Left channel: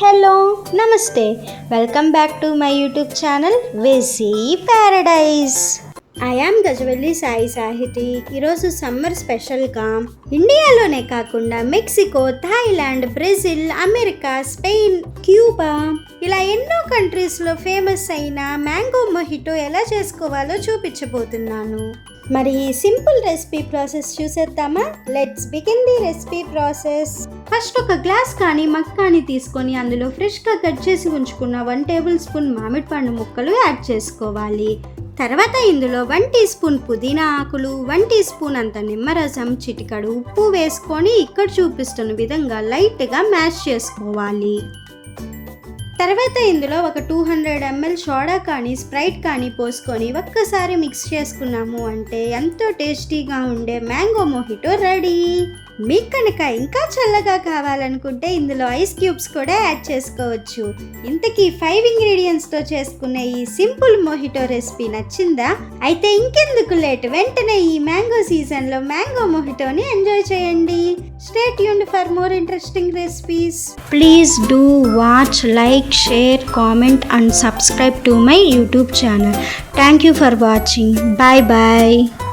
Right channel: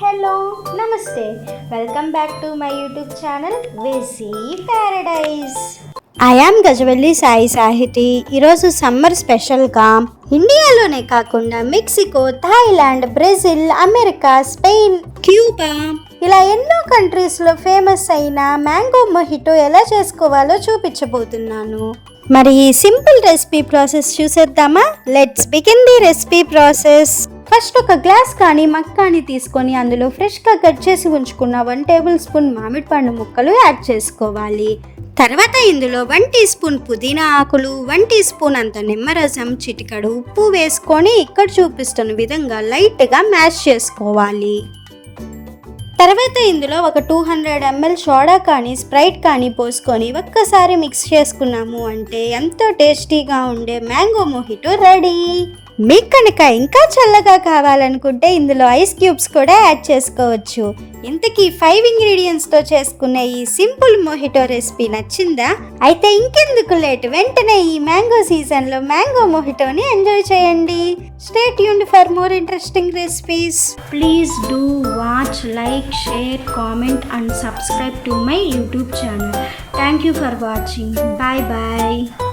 Hello namaste welcome back to my YouTube channel వెసీ paradise. I am Gajavalli Sai Sahithi. ఈరోజు summer స్పెషల్గా ఇండియాలోనే కాకుండా Mexico, Thailand, Brazil, America, Spain, Cuba ఇలా ఎన్నో కంట్రీస్లో ఫేమస్ అయిన మ్యాంగో మొహిటో ఎలా చేసుకోవాలో చూపించబోతున్నాను. మరి ఈ సింపుల్ రెసిపీ ప్రాసెస్ చూసేద్దామా? Let's begin the recipe process. First ఒక గ్లాస్ కానీ మగ్ కానీ తీసుకొని అందులో ఫ్రెష్గా కట్ చేసి ఉంచుకున్న 1 టేబుల్ స్పూన్ మామిడి పండు ముక్కలు యాడ్ చేసుకోవాలి. తర్వాత ఇందులో 1 టీ స్పూన్ పుదీనా ఆకులు, 1 టీ స్పూన్ అంత నిమ్మరసం, చిటికెడు ఉప్పు వేసుకొని ఇక్కడ చూపిస్తున్న విధంగా లైట్గా మ్యాష్ చేసుకోవాలి. తర్వాత ఇందులో ఒక 200 ml సోడా కానీ స్ప్రైట్ కానీ పోసుకొని ఒక్కసారి మిక్స్ చేసుకున్నాము అంటే ఎంతో టేస్టీగా ఉండే మ్యాంగో మొహిటో రెడీ. మీకు కనుక ఇంకా చల్లగా కావాలనుకుంటే ఇందులో ఐస్ క్యూబ్స్ కూడా యాడ్ చేసుకోవచ్చు. ఇంతకీ 5 ఇంగ్రీడియంట్స్తో చేసుకునే ఈ సింపుల్ మొహిటో రెసిపీ నచ్చిందా? అయితే ఇంకెందుకు లేట్, వెంటనే ఈ మ్యాంగో సీజన్లో మ్యాంగో మొహిటోని ఎంజాయ్ చేయండి. Stay tuned for more interesting recipes. Please do watch, like, share, comment and subscribe to my YouTube channel. Thank you for watching. Bye bye.